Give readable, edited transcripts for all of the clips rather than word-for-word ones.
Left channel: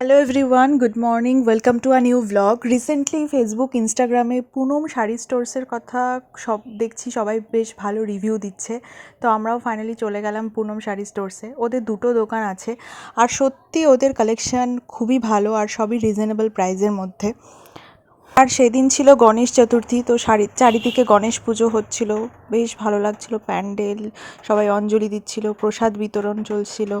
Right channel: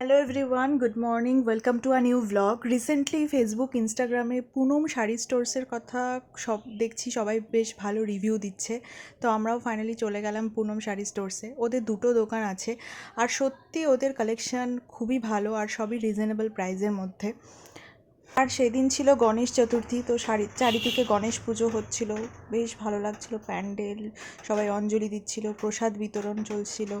Hello everyone, good morning, welcome to a new blog. Recently Facebook ইনস্টাগ্রামে পুনম শাড়ি স্টোর্সের কথা দেখছি সবাই বেশ ভালো রিভিউ দিচ্ছে। তো আমরাও ফাইনালি চলে গেলাম পুনম শাড়ি স্টোর্সে। ওদের দুটো দোকান আছে আর সত্যি ওদের কালেকশান খুবই ভালো আর সবই রিজনেবল প্রাইসের মধ্যে। আর সেদিন ছিল গণেশ চতুর্থী, তো চারিদিকে গণেশ পুজো হচ্ছিল, বেশ ভালো লাগছিল প্যান্ডেল, সবাই অঞ্জলি দিচ্ছিল, প্রসাদ বিতরণ চলছিল।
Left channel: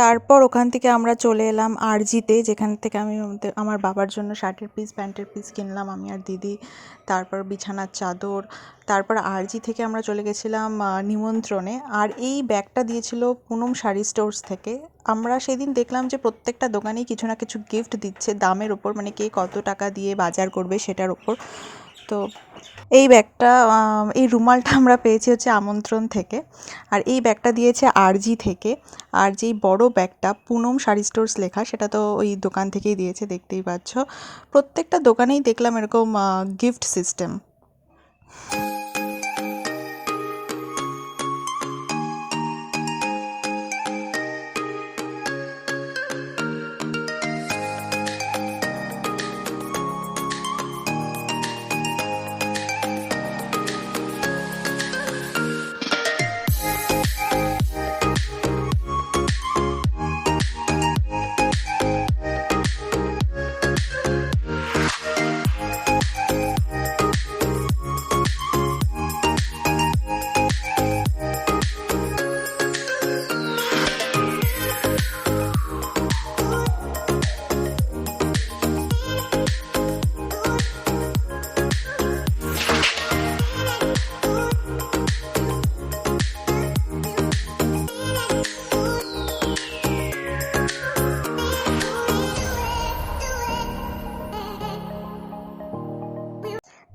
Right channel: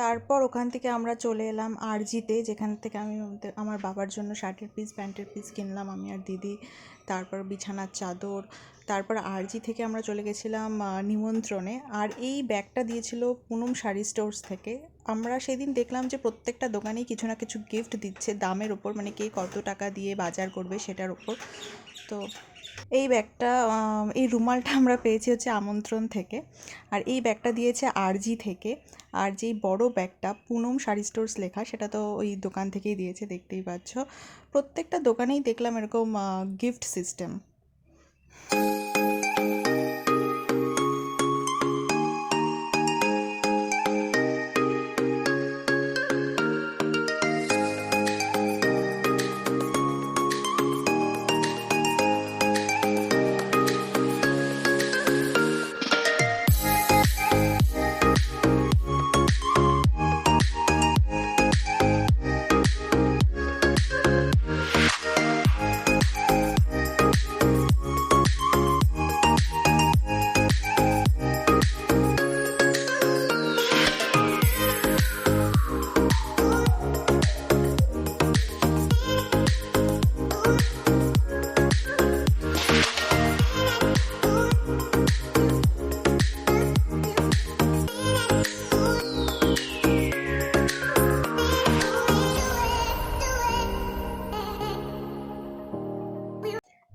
তারপর ওখান থেকে আমরা চলে এলাম আরজিতে, যেখান থেকে আমি আমার বাবার জন্য শার্টের পিস প্যান্টের পিস কিনলাম আমি আর দিদি। তারপর বিছানার চাদর। তারপর আরজি থেকে আমরা চলে গেছিলাম নিমন্ত্রণে। আর এই ব্যাগটা দিয়েছিল পুনম শাড়ি স্টোর্স থেকে। আমরা সেদিন দেখলাম যে প্রত্যেকটা দোকানেই কিছু না কিছু গিফট দিচ্ছে দামের ওপর, মানে কে কত টাকা দিয়ে বাজার করবে সেটার ওপর। তো এই ব্যাগটা এই রুমালটা আমরা পেয়েছি হচ্ছে আমন্ত্রণ থেকে। আর এই ব্যাগটা দিয়েছে আরজি থেকে। আর যেই বড় ব্যাগটা পুনম শাড়ি স্টোর্স লেখা, সেটা তো ওই দোকান থেকেই দিয়েছে, দেখতেই পাচ্ছ। প্রত্যেকটা দোকানেই দেখলাম এরকম গিফট সিস্টেম।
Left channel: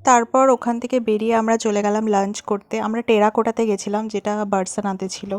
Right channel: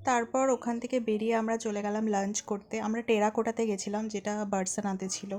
তারপর ওখান থেকে বেরিয়ে আমরা চলে গেলাম লাঞ্চ করতে। আমরা টেরাকোটাতে গেছিলাম, যেটা বার্সানাতে ছিল।